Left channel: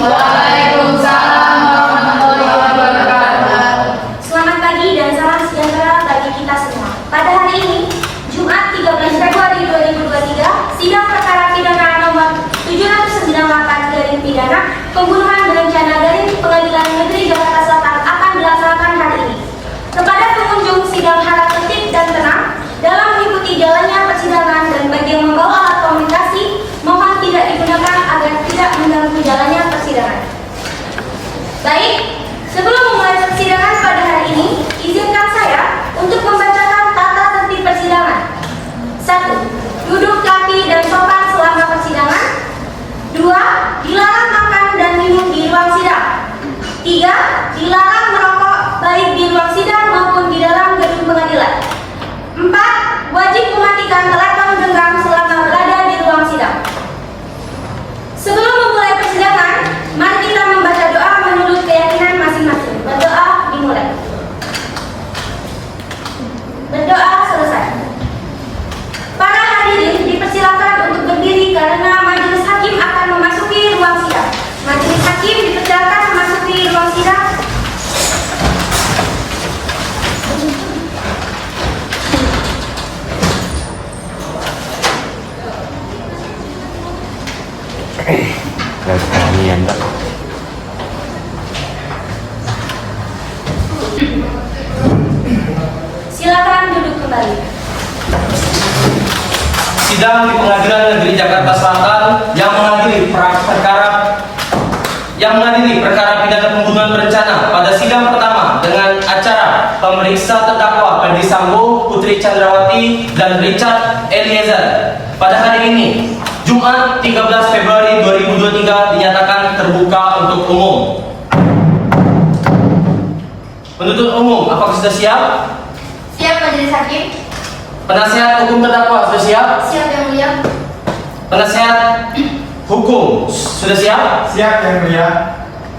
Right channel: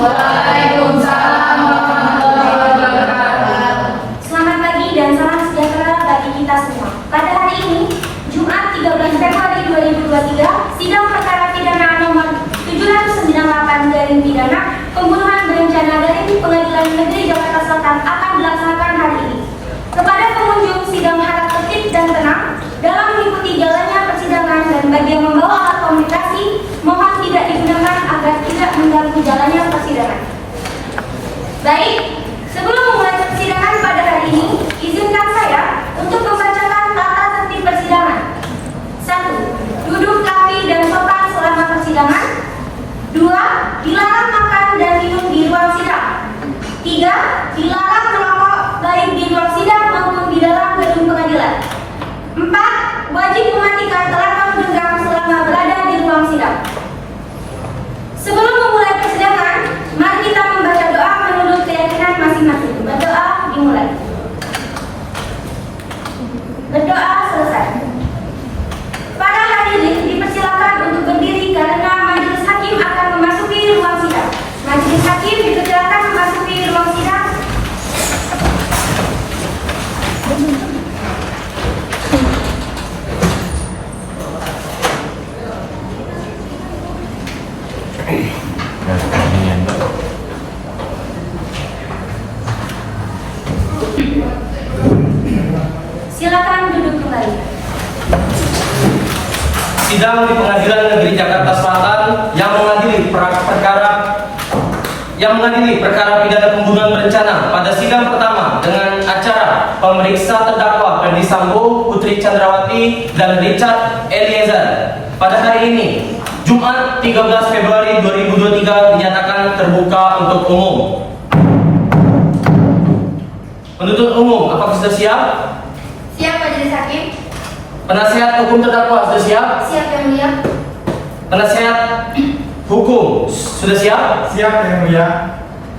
Waalaikumsalam warahmatullahi wabarakatuh. Selamat pagi dan salam sejahtera bagi kita semua. Pada hari ini, Jumat 13 Februari 2023, sidang perkara pidana nomor 798 garing pidana pembunuhan berencana garing Pengadilan Negeri Jakarta Selatan akan dilaksanakan hari ini. Kepada pengunjung, sidang harap tertib dan tenang dalam mengikuti jalannya persidangan, dan bagi yang membawa alat komunikasi mohon tidak digunakan agar tidak mengganggu jalannya persidangan. Baik, sebelum memulai persidangan pada hari ini, izinkan saya untuk membacakan tata tertib persidangan. 1. Duduk kaki dan sopan selama persidangan. 2. Dilarang makan dan minum di ruang sidang. 3. Dilarang merokok baik di ruang sidang maupun di dalam gedung pengadilan. 4. Wajib mematikan telepon genggam selama berada di ruang sidang. Sebelum memulai persidangan, mari kita membaca doa menurut keyakinan masing-masing. Berdoa dimulai. Berdoa selesai. Para hadirin dipersilakan untuk berdiri karena majelis hakim akan memasuki ruang sidang. Majelis hakim dipersilakan memasuki ruang sidang. Silakan duduk kembali. Sidang di Pengadilan Negeri Jakarta Selatan yang mengadili perkara pidana pembunuhan berencana pada sidang pertama dengan acara pemeriksa terdakwa Ferdi Sambo, Putri Chandrawati, dan Richard Eliezer pada hari ini, Jumat 13 Februari 2023 dinyatakan terbuka untuk umum. Penuntut umum, apakah sudah siap? Siap, majelis hakim. Penasihat hukum terdakwa sudah siap? Siap, yang mulia. Penasihat hukum sudah siap? Siap, yang mulia.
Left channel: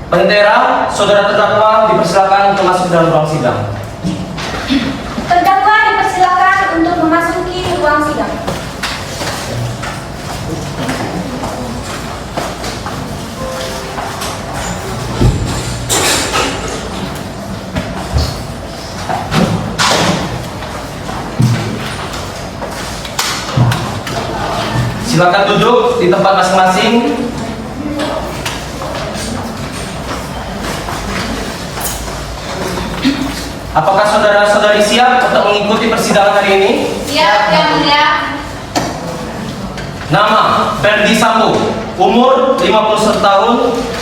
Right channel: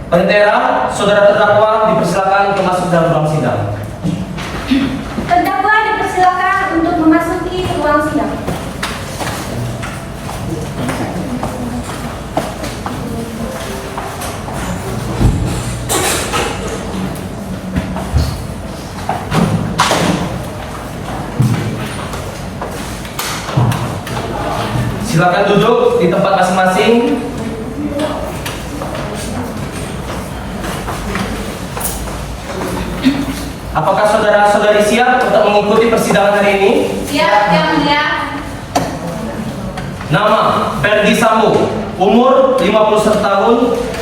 Pentera, saudara terdakwa dipersilakan untuk masuk dalam ruang sidang. Terdakwa dipersilakan untuk memasuki ruang sidang. Silakan duduk di tempat masing-masing. Apakah saudara-saudari siap untuk mengikuti persidangan hari ini? Siap, yang mulia. Nama Ferdi Sambo, umur 51 tahun,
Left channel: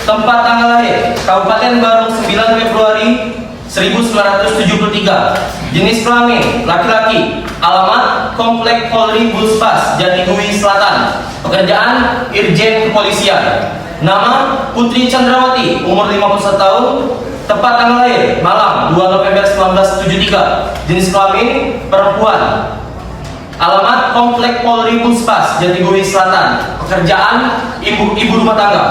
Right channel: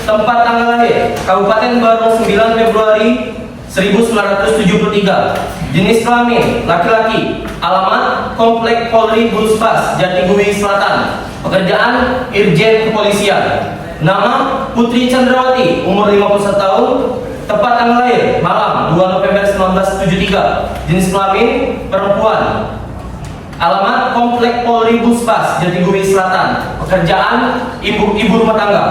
tempat tanggal lahir Kabupaten Barung 9 Februari 1973, jenis kelamin laki-laki, alamat Komplek Polri Buspas Jatigui Selatan, pekerjaan Irjen Kepolisian. Nama Putri Chandrawati, umur 51 tahun, tempat tanggal lahir Malang 2 November 1973, jenis kelamin perempuan, alamat Komplek Polri Buspas Jatigui Selatan, pekerjaan ibu rumah tangga.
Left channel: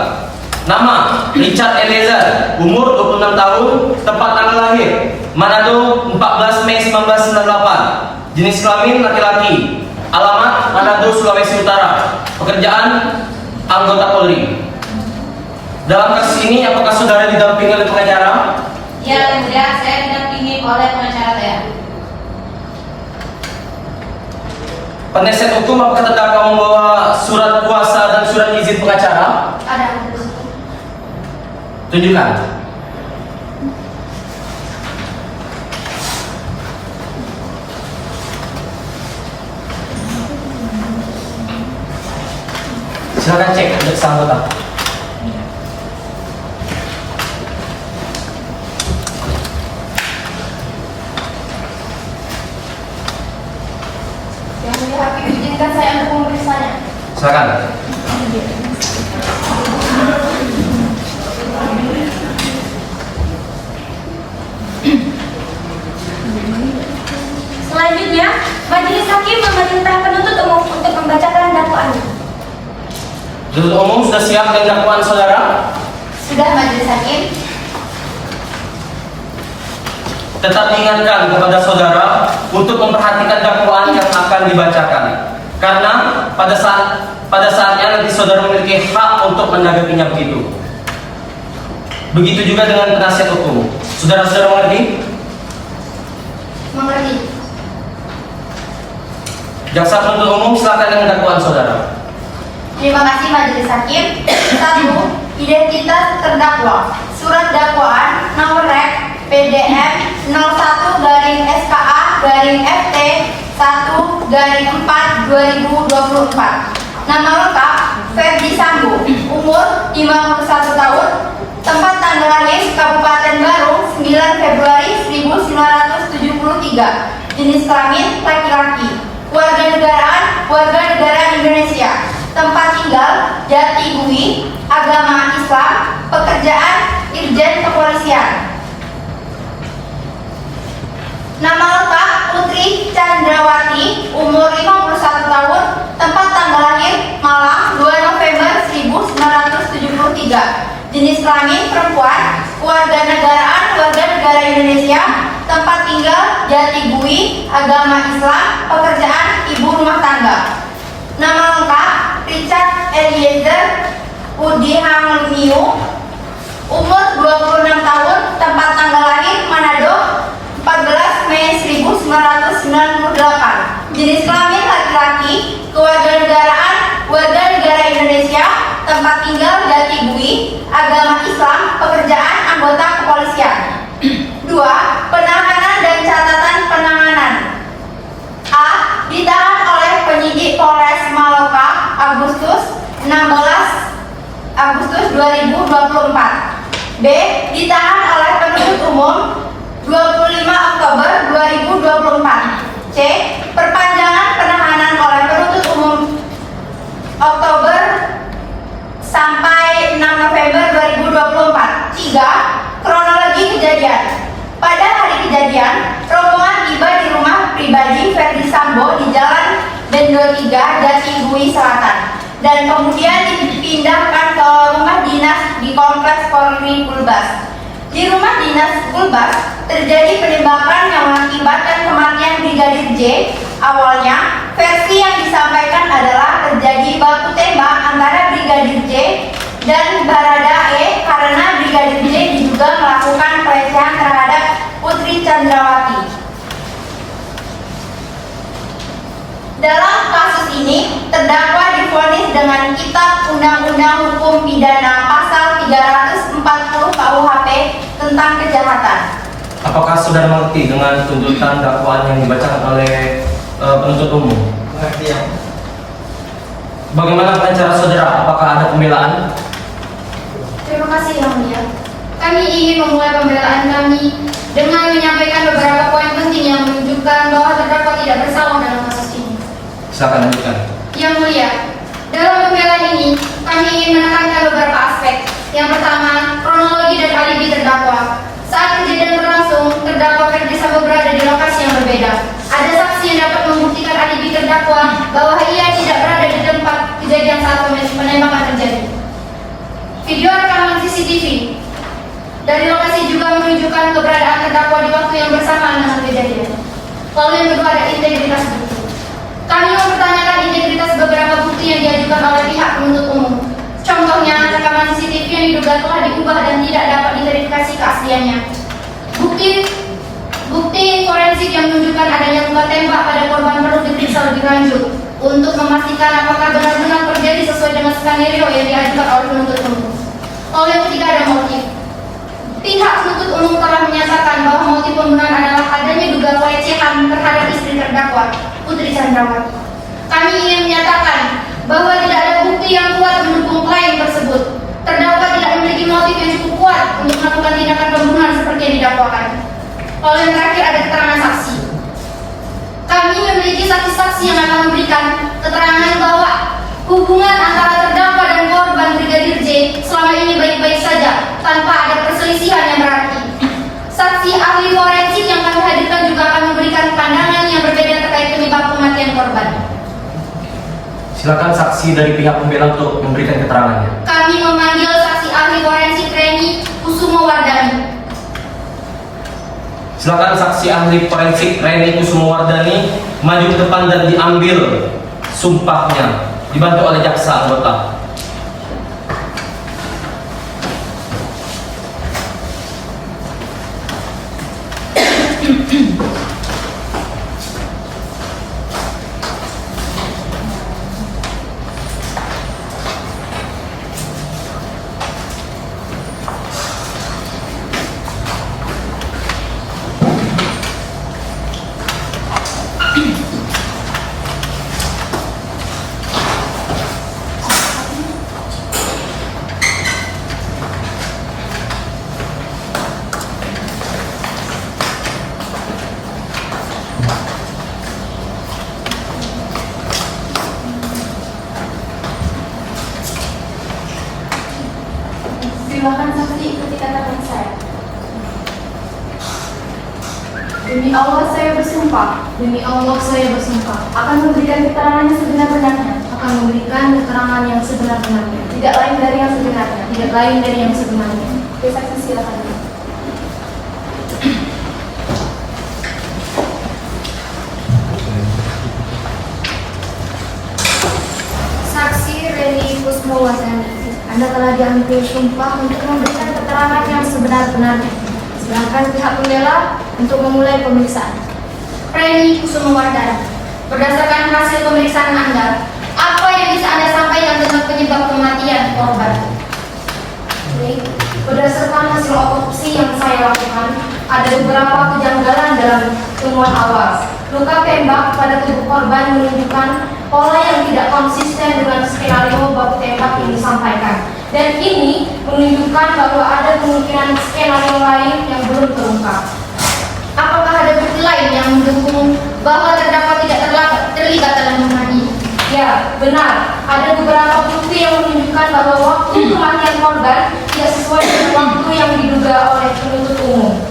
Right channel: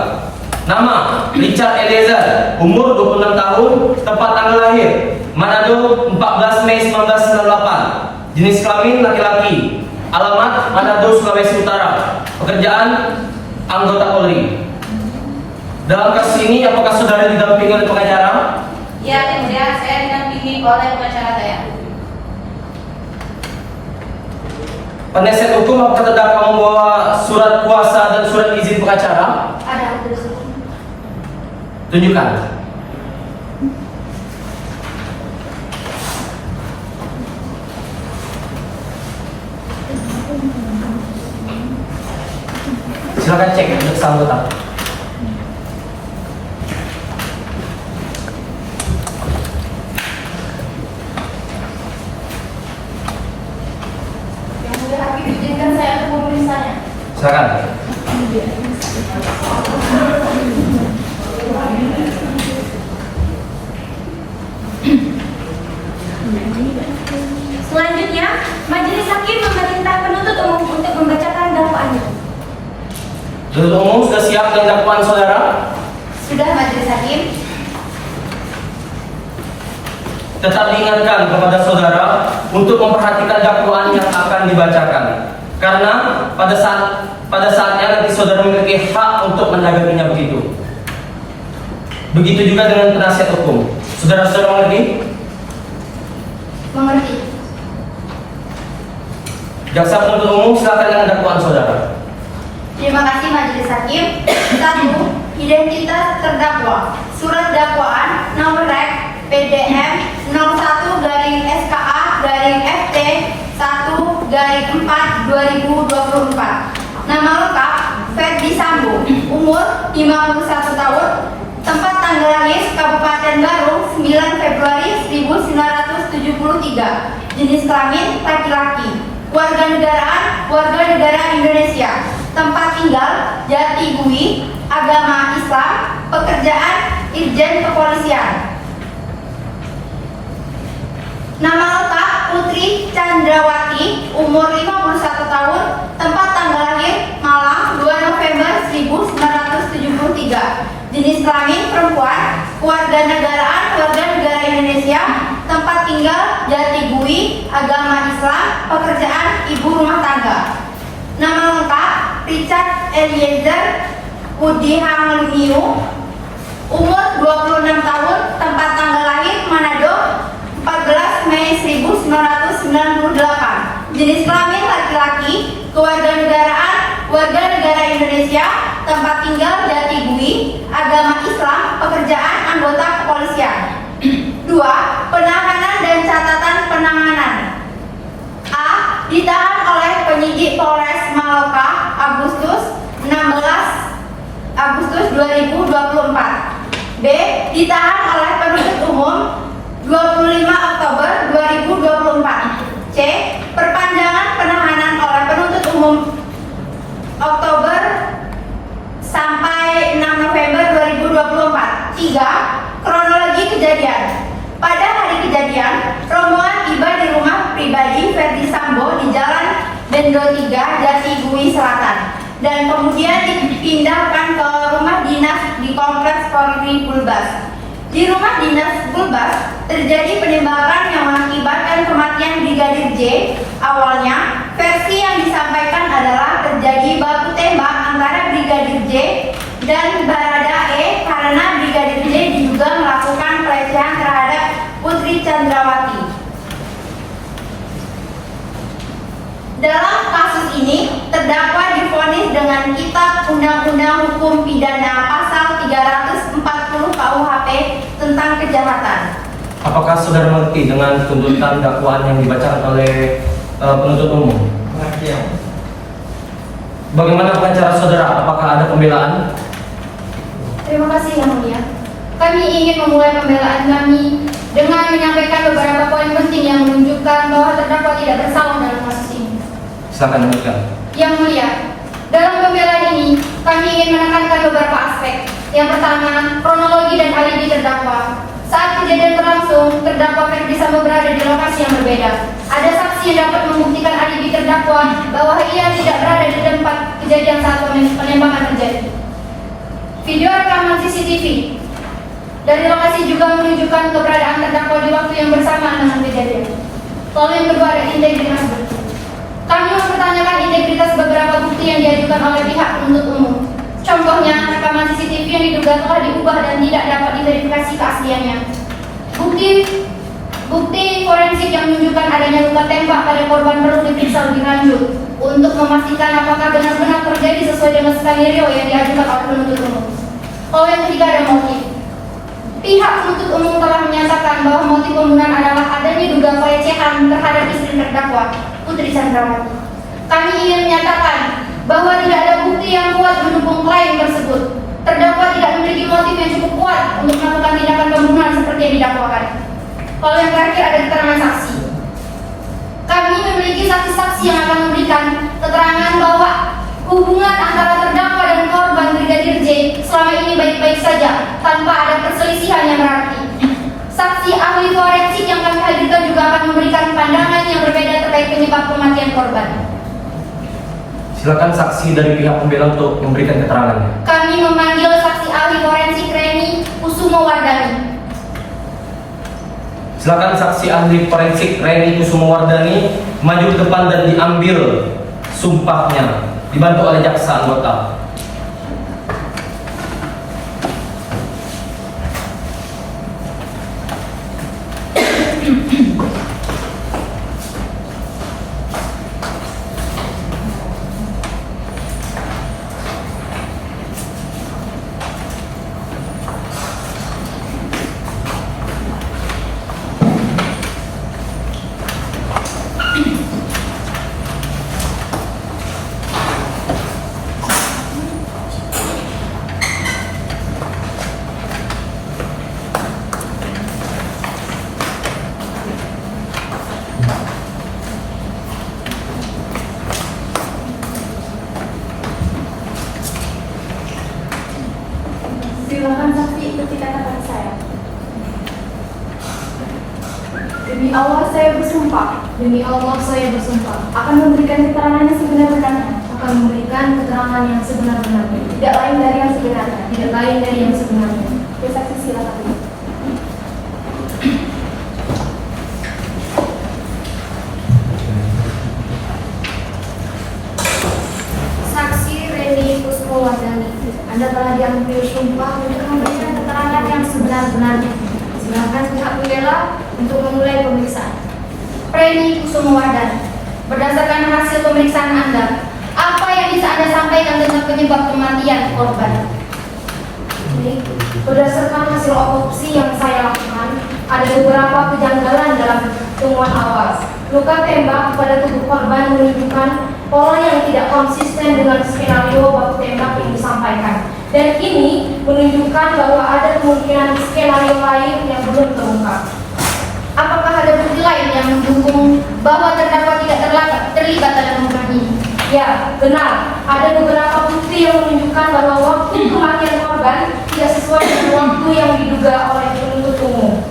Nama Richard Eliezer, umur 26 tahun, tempat tanggal lahir Manado 14 Mei 1998, jenis kelamin laki-laki, alamat Manado Sulawesi Utara, pekerjaan anggota Polri. Dalam kasus ini apakah saudara didampingi oleh pengacara? Ya, yang mulia, saya didampingi oleh pengacara saya. Penasihat hukum, apakah terdakwa membawa surat kuasa dan surat izin pengacara? Ada majelis hukum. Tunjukkan. Silakan cek untuk anggota. Yang mulia hakim, izinkan saya untuk memeriksanya. Silakan. Selanjutnya, majelis hakim memerintah penuntut umum untuk membacakan dakwaannya. Penuntut umum sudah siap dengan dakwaan saudara? Sudah, majelis hakim. Tetap diingatkan kepada saudara untuk memperhatikan dakwaan yang akan dibacakan, karena pada saatnya nanti saudara memiliki hak untuk menanggapinya begitu. Begitu juga dengan penasihat hukum. Saudara-saudara mengerti? Mengerti. Jaksa penuntut umum silakan dengan dakwaan saudara. Terima kasih Majelis Hakim. 1. Identitas terdakwa. Surat dakwaan nomor rek PDM 01-SKA-FT 1-4/2024. Nama lengkap Ferdi Sambo, umur 51 tahun, tempat tanggal lahir Kabupaten Bandung 9 Februari 1973, jenis kelamin laki-laki, warga negara Indonesia, tempat tinggal Jatigui, agama Islam, pekerjaan Irjen Kepolisian. Nama lengkap Putri Chandrawati, umur 51 tahun, tempat tanggal lahir Malang 2 November 1973, jenis kelamin perempuan, warga negara Indonesia, tempat tinggal Jatigui, agama Islam, pekerjaan ibu rumah tangga. Nama lengkap Richard Eliezer Udi Hamliu, umur 26 tahun, tempat tanggal lahir Manado 14 Mei 1998, jenis kelamin laki-laki, kewarganegaraan warga negara Indonesia, tempat tinggal Jatigui, agama Islam, pekerjaan anggota kepolisian. 2. Penahanan dan catatan penanganan. A. Ditahan oleh penyidik Polres Maloka Agustus 2024. B. Ditahan oleh penuntut umum 25 Oktober 2024. C. Perpanjangan penahanan oleh penuntut umum Oktober sampai 6 November 2024. 3. Kronologi kejadian. Pada hari kejadian, rombongan tiba di rumah pribadi Ferdi Sambo di Jalan Bendo 3, Jatigui Selatan, dan kemudian dipindahkan ke rumah dinas di Kompleks Polri Bulbas. Di rumah dinas Bulbas terjadi penembakan yang mengakibatkan kematian Brigadir J. Awalnya, versi yang disampaikan adalah terjadi baku tembak antara Brigadir J dan Barada E karena Brigadir J diduga melakukan pelecehan terhadap Putri Chandrawati. Dalam kasus ini, terdakwa divonis dengan Kitab Undang-Undang Hukum Pidana Pasal 340 KUHP tentang kejahatan. Apakah saudara mengerti dengan tuntutan dakwaan yang dibacakan oleh penuntut umum? Mengerti ya. Bagaimana pengacara saudara? Apakah ada pembelaan? Terima kasih Yang Mulia. Kami ingin memulai pembelaan kami dengan menyampaikan beberapa poin penting yang menunjukkan bahwa terdakwa tidak bersalah dalam kasus ini. Silakan lanjutkan. Yang Mulia, dalam pembelaan ini kami ingin menekankan beberapa aspek. Yang pertama, kronologi dan alibi terdakwa. Saat kejadian berlangsung, terdakwa Ferdi Sambo berada di lokasi yang berbeda. Ada saksi yang dapat membuktikan alibi terdakwa bahwa ia tidak berada di tempat kejadian saat penembakan terjadi. Video rekaman CCTV dari lokasi juga menunjukkan keberadaan terdakwa di waktu yang bersamaan dengan kejadian. Lalu yang kedua ada integritas bukti. Kami mempertanyakan integritas beberapa bukti yang diajukan oleh pihak penuntut umum. Contohnya, rekaman CCTV yang diduga telah diubah dan tidak dapat diverifikasi keasliannya. Bukti forensik yang menunjukkan adanya luka tembak pada korban perlu diperiksa lebih lanjut untuk memastikan apakah benar-benar terjadi sesuai dengan skenario yang diajukan oleh penuntut umum. Lalu yang ketiga ada motif. Pihak penuntut umum telah menyatakan bahwa motif pembunuhan adalah adanya dugaan pelecehan terhadap istri terdakwa, Putri Chandrawati. Kami ingin menyatakan bahwa tidak ada bukti yang kuat mendukung klaim tersebut. Terdakwa tidak memiliki motif yang cukup kuat untuk melakukan tindakan pembunuhan seperti yang didakwakan. Lalu yang terakhir ada keterangan saksi. Kami memiliki saksi-saksi yang akan memberikan keterangan bahwa hubungan antara terdakwa dan korban Brigadir J selama ini baik-baik saja tanpa ada perselisihan yang berarti. Saksi ahli forensik yang kami hadirkan juga akan memberikan pandangan yang berbeda terkait penyebab kematian korban. Silakan saksi dari pihak pembela untuk memberikan keterangannya. Kami memanggil saksi ahli forensik Reni Kusumowardani. Silakan saksi ahli forensik Reni Kusumowardani maju ke depan dan diambil sumpahnya, dibantu oleh jaksa anggota. bersumpah Demi Allah saya bersumpah akan memberikan keterangan yang sebenar-benarnya, akan memberikan keterangan yang sebenar-benarnya, tidak lain dari yang sebenarnya. tidak lain dari yang sebenarnya. Oke, saksi silakan. Saksi Reni Kusmowardani, Anda telah diambil sumpah untuk memberikan keterangan yang sebenar-benarnya. Silakan pihak pembela untuk memulai pemeriksaan. Reni Kusmowardani, berdasarkan hasil pemeriksaan Anda, apa yang bisa Anda sampaikan tentang penyebab kematian korban? Baik, berdasarkan hasil otopsi yang saya lakukan, ada beberapa kejanggalan dalam temuan awal. Luka tembak pada tubuh korban menunjukkan pola yang tidak konsisten dengan skenario baku tembak yang disampaikan. Dan ini menunjukkan bahwa ada kemungkinan skenario lain yang belum terungkap. Apakah ada bukti lain yang mendukung bahwa terdakwa tidak terlibat dalam pembunuhan ini? Ya, benar. Ada beberapa bukti yang menunjukkan bahwa waktu kematian korban tidak sesuai dengan waktu yang diduga oleh penuntut umum.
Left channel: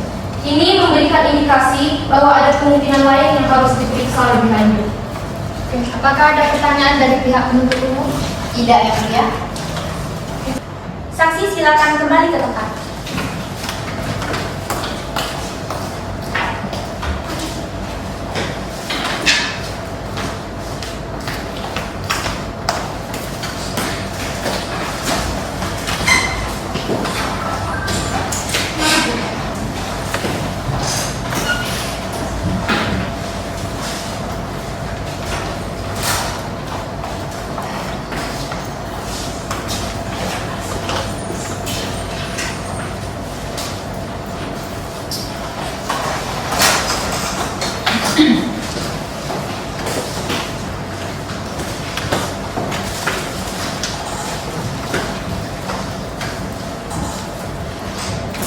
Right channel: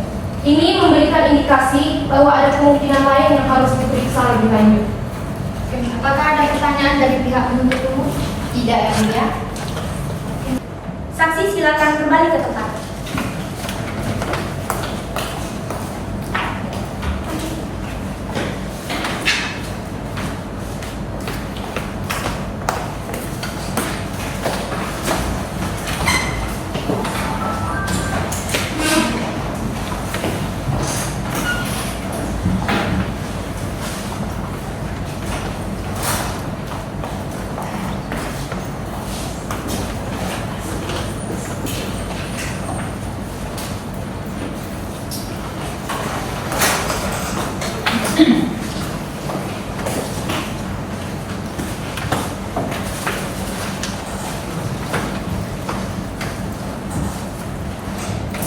Ini memberikan indikasi bahwa ada kemungkinan lain yang harus diperiksa lebih lanjut. Apakah ada pertanyaan dari pihak penuntut umum? Tidak, ya mulia. Saksi silakan kembali ke tempat.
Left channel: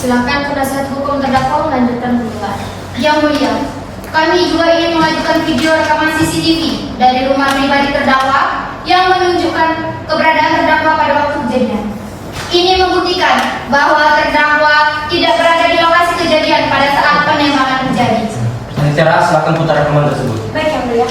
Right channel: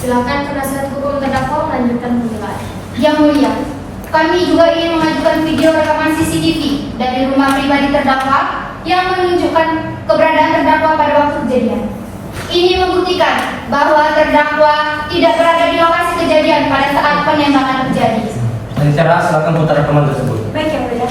Silakan penasihat hukum terdakwa melanjutkan pembelaan. Yang mulia, kami juga ingin mengajukan video rekaman CCTV dari rumah pribadi terdakwa yang menunjukkan keberadaan terdakwa pada waktu kejadian. Ini membuktikan bahwa terdakwa tidak berada di lokasi kejadian pada saat penembakan terjadi. Panitera, silakan putar rekaman tersebut. Baik, yang mulia.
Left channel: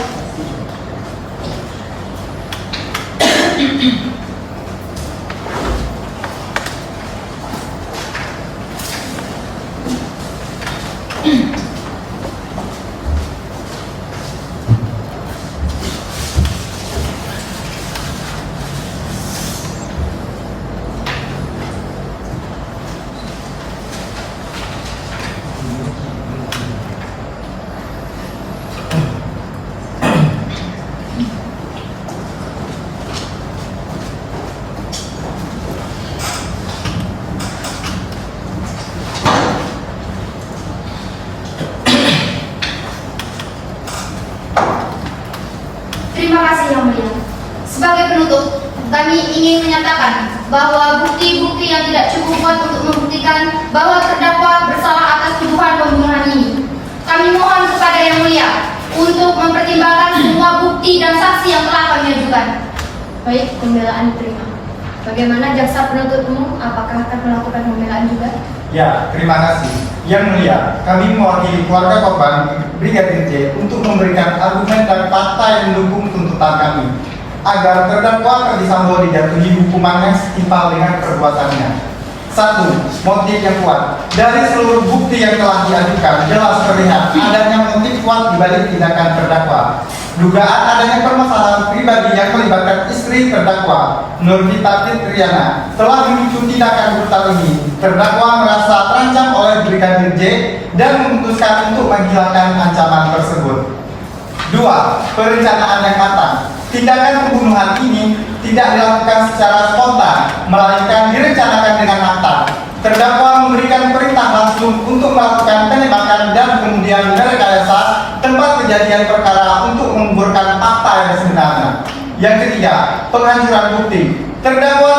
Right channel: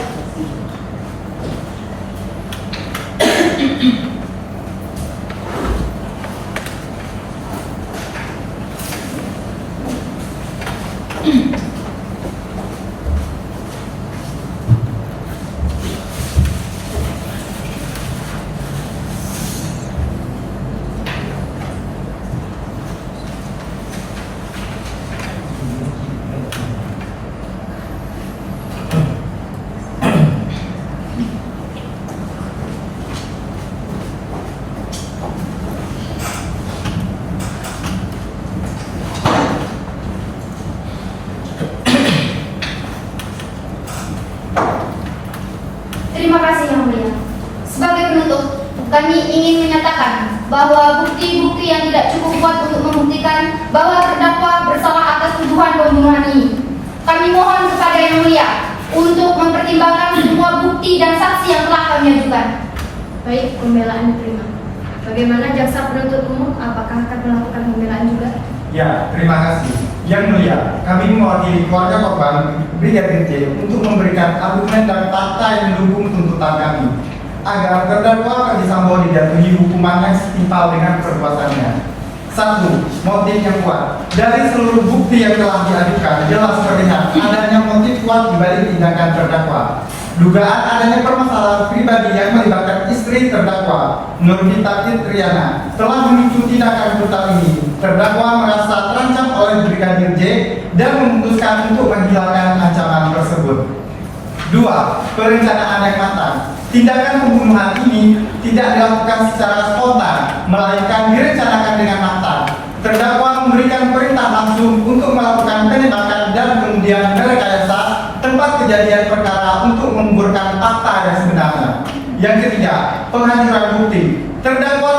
Terima kasih yang mulia. Sebagai penutup, kami ingin menyatakan bahwa bukti-bukti yang tidak cukup kuat untuk membuktikan bahwa terdakwa bersalah atas tuduhan pembunuhan ini. Kami mohon kepada yang mulia untuk mempertimbangkan semua bukti dan saksi yang telah kami ajukan. Baik, pembelaan diterima. Bagaimana jaksa penuntut umum? Apakah akan melakukan pembelaan juga? Ya, terima kasih. Yang mulia, kami mewakili keluarga korban Brigadir J untuk memberikan argumen dan fakta yang mendukung tuntutan kami agar terdakwa Ferdy Sambo dijatuhi hukuman yang setimpal dengan perbuatannya. 1. Motif yang kuat. Dari seluruh bukti yang telah diajukan, jelas terlihat adanya motif kuat dibalik tindakan terdakwa. Dugaan adanya permasalahan pribadi yang melibatkan istri terdakwa, Nurvita Fitriana, telah memicu tindakan brutal ini. Terdakwa merasa terancam oleh Brigadir J dan memutuskan untuk menghilangkan ancaman tersebut. 2. Perencanaan yang matang. Tindakan pembunuhan ini tidak dilakukan secara spontan, melainkan direncanakan dengan matang. Terdakwa memberikan perintah langsung untuk melakukan penembakan dan kemudian merekayasa tempat kejadian perkara untuk mengumpulkan fakta yang sebenarnya. Yang ketiga, penghancuran bukti. Terdakwa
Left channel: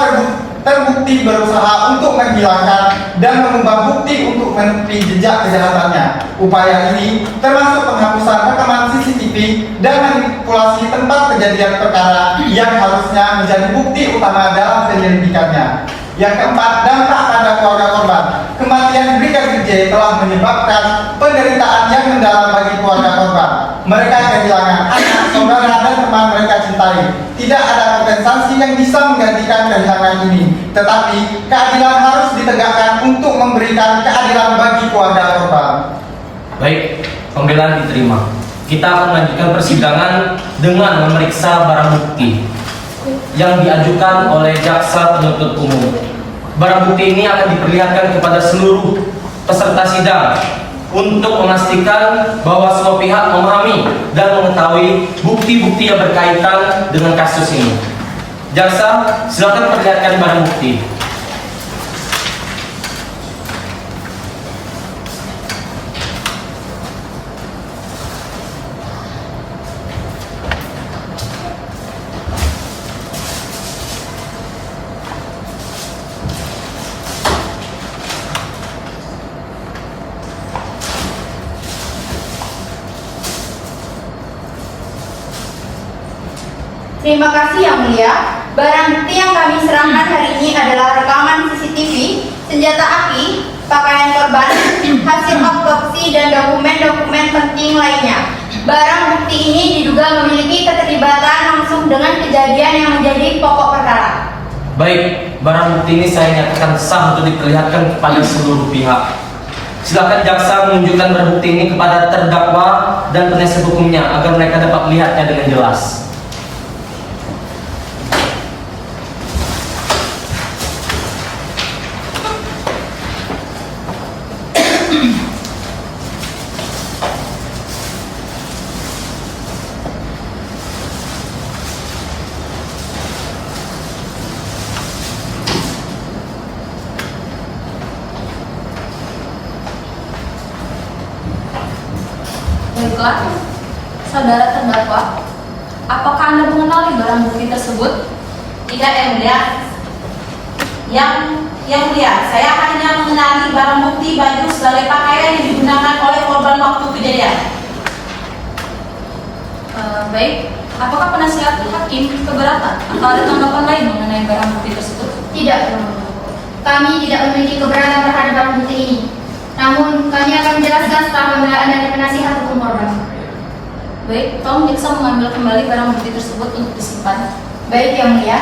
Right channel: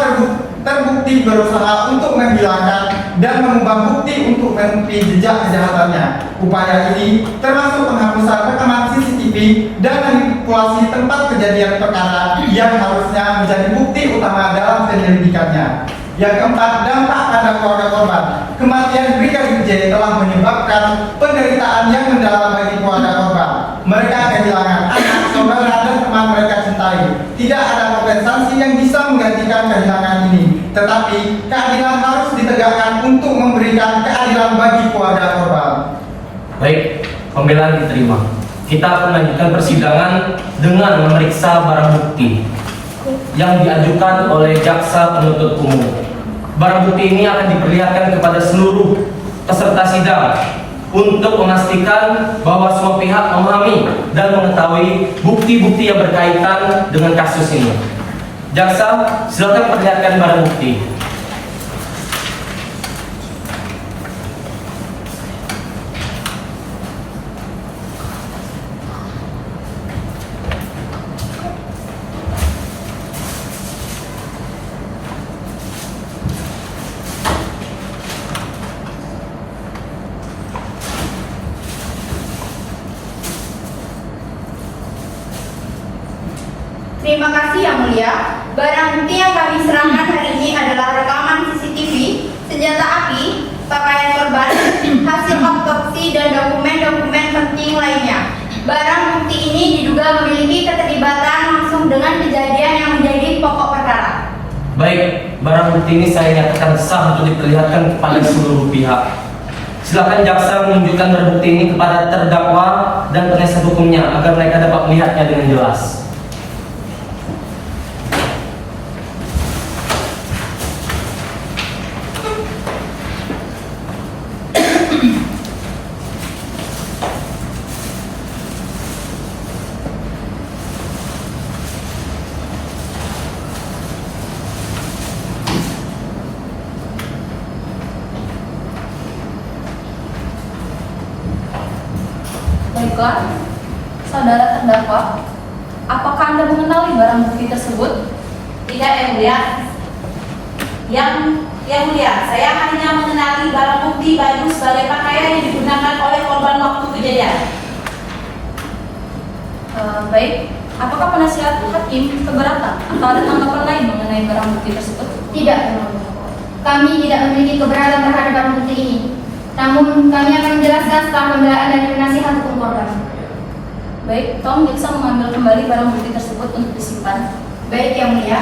terbukti berusaha untuk menghilangkan dan mengubah bukti untuk menutupi jejak kejahatannya. Upaya ini termasuk penghapusan rekaman CCTV dan manipulasi tempat kejadian perkara yang harusnya menjadi bukti utama dalam penyelidikannya. Yang keempat, dampak pada keluarga korban. Kematian Brigadir J telah menyebabkan penderitaan yang mendalam bagi keluarga korban. Mereka kehilangan anak, saudara, dan teman mereka cintai. Tidak ada kompensasi yang bisa menggantikan kehilangan ini. Tetapi keadilan harus ditegakkan untuk memberikan keadilan bagi keluarga korban. Baik, pembelaan diterima. Kita akan lanjutkan persidangan dengan memeriksa barang bukti yang diajukan oleh jaksa penuntut umum. Barang bukti ini akan diperlihatkan kepada seluruh peserta sidang untuk memastikan bahwa semua pihak memahami dan mengetahui bukti-bukti yang berkaitan dengan kasus ini. Jaksa, silakan perlihatkan barang bukti. Terima kasih Yang Mulia. Barang bukti yang kami serahkan hari ini adalah rekaman CCTV, senjata api, pakaian korban, hasil otopsi, dan dokumen-dokumen penting lainnya. Barang bukti ini diduga memiliki keterlibatan langsung dengan kejadian yang menjadi pokok perkara. Baik, barang bukti ini saya nyatakan sah untuk diperlihatkan kepada seluruh pihak. Silakan jaksa menunjukkan barang bukti ini kepada terdakwa dan penasihat hukumnya agar mereka dapat melihatnya dengan jelas. Baiklah, saudara terdakwa, apakah Anda mengenali barang bukti tersebut? Tidak, Yang Mulia. Yang Mulia, saya hanya mengenali barang bukti baju sebagai pakaian yang digunakan oleh korban waktu kejadian. Baik, apakah penasihat hakim keberatan atau ada tanggapan lain mengenai barang bukti tersebut? Tidak, kami tidak memiliki keberatan terhadap barang bukti ini. Namun, kami akan menjelaskan setelah pembelaan dari penasihat hukum korban. Baik, tolong jaksa mengambil kembali barang bukti tersebut untuk disimpan. Baik, Yang Mulia.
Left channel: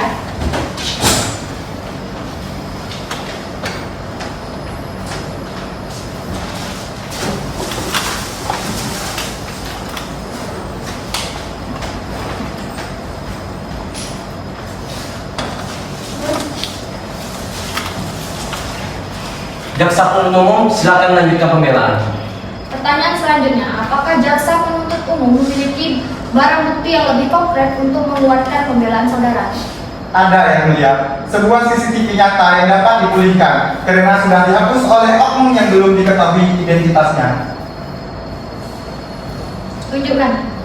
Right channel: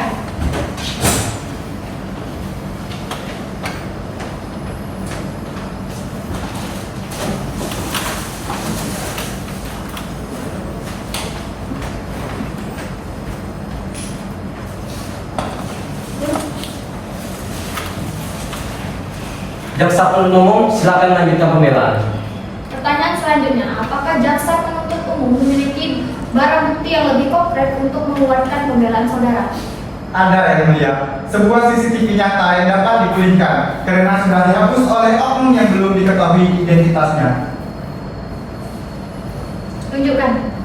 Jaksa penuntut umum, silakan lanjutkan pembelaan. Pertanyaan selanjutnya, apakah jaksa penuntut umum memiliki barang bukti yang lebih konkret untuk menguatkan pembelaan saudara? Ada, Yang Mulia. Sebuah CCTV nyata yang dapat dipulihkan karena sudah dihapus oleh oknum yang belum diketahui identitasnya. Tunjukkan.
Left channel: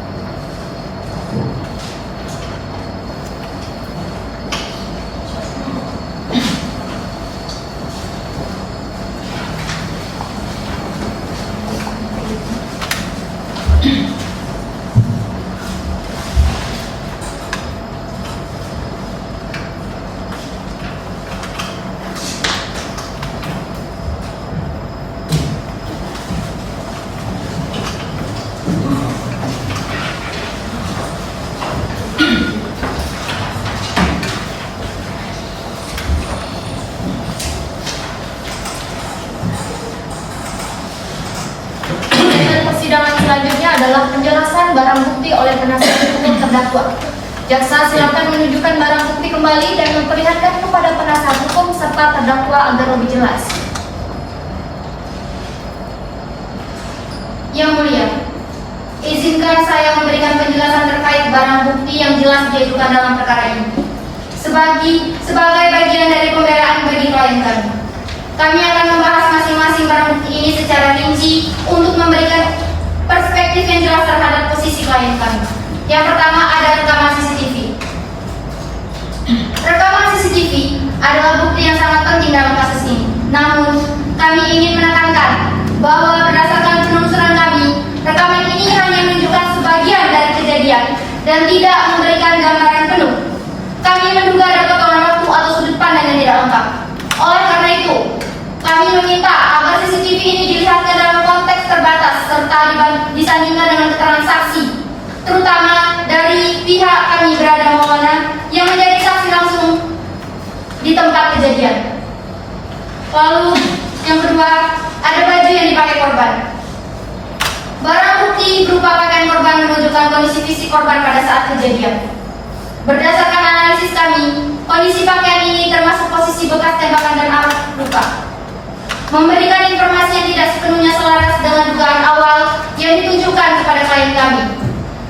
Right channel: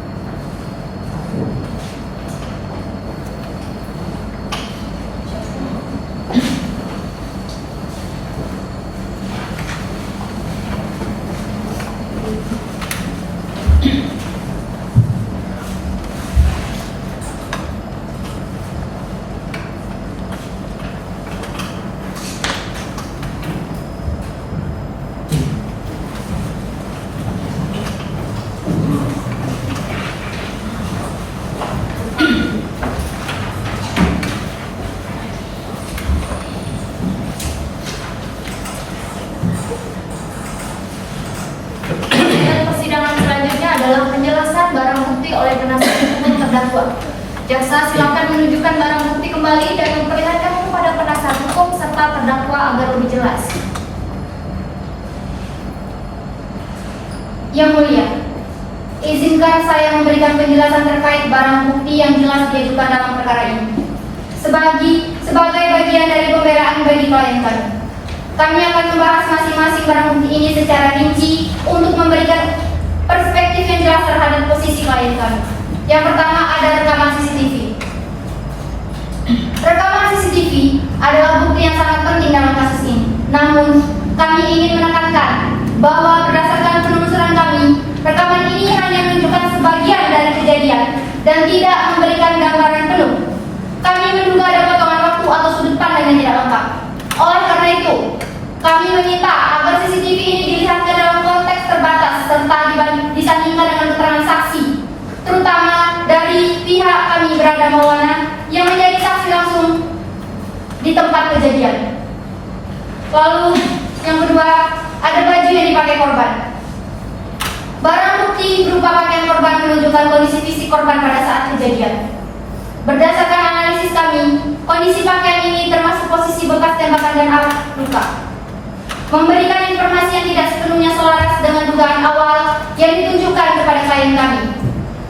Persidangan selanjutnya adalah penjelasan barang bukti oleh penasihat hukum terdakwa. Jaksa silakan menunjukkan barang bukti kembali dan memperlihatkan kepada penasihat hukum serta terdakwa agar lebih jelas. Yang Mulia, izinkan saya memberikan penjelasan terkait barang bukti yang jelas diajukan dalam perkara ini. Sebagai bagian dari pembelaan bagi klien kami. Kami akan membahas masing-masing barang bukti ini secara rinci untuk memberikan perspektif yang jelas terhadap posisi klien kami. Yang pertama ada rekaman CCTV. Rekaman CCTV adalah bukti yang sangat penting dalam kasus ini. Namun, kami ingin menekankan bahwa berdasarkan penelusuran kami, rekaman ini hanya menunjukkan sebagian dari kejadian dan tidak memberikan gambaran penuh. Kami menduga ada potongan waktu atau sudut pandang yang tidak lengkap. karena itu, kami meminta agar CCTV ini dilihatkan dalam konteks terbatas serta disandingkan dengan keterangan saksi, terutama dari pihak kami berada Maulana yang menjadi saksi langsung di tempat kejadian. Lalu yang kedua, ada baju yang dipakai korban. Barang bukti berupa pakaian korban menunjukkan kondisi fisik korban pada saat kejadian. Berdasarkan analisis kami, kondisi pakaian ini termasuk posisi bekas tembakan dan arah luka. Memberikan informasi yang tidak sepenuhnya selaras dengan dugaan awal yang ditunjukkan kepada klien kami.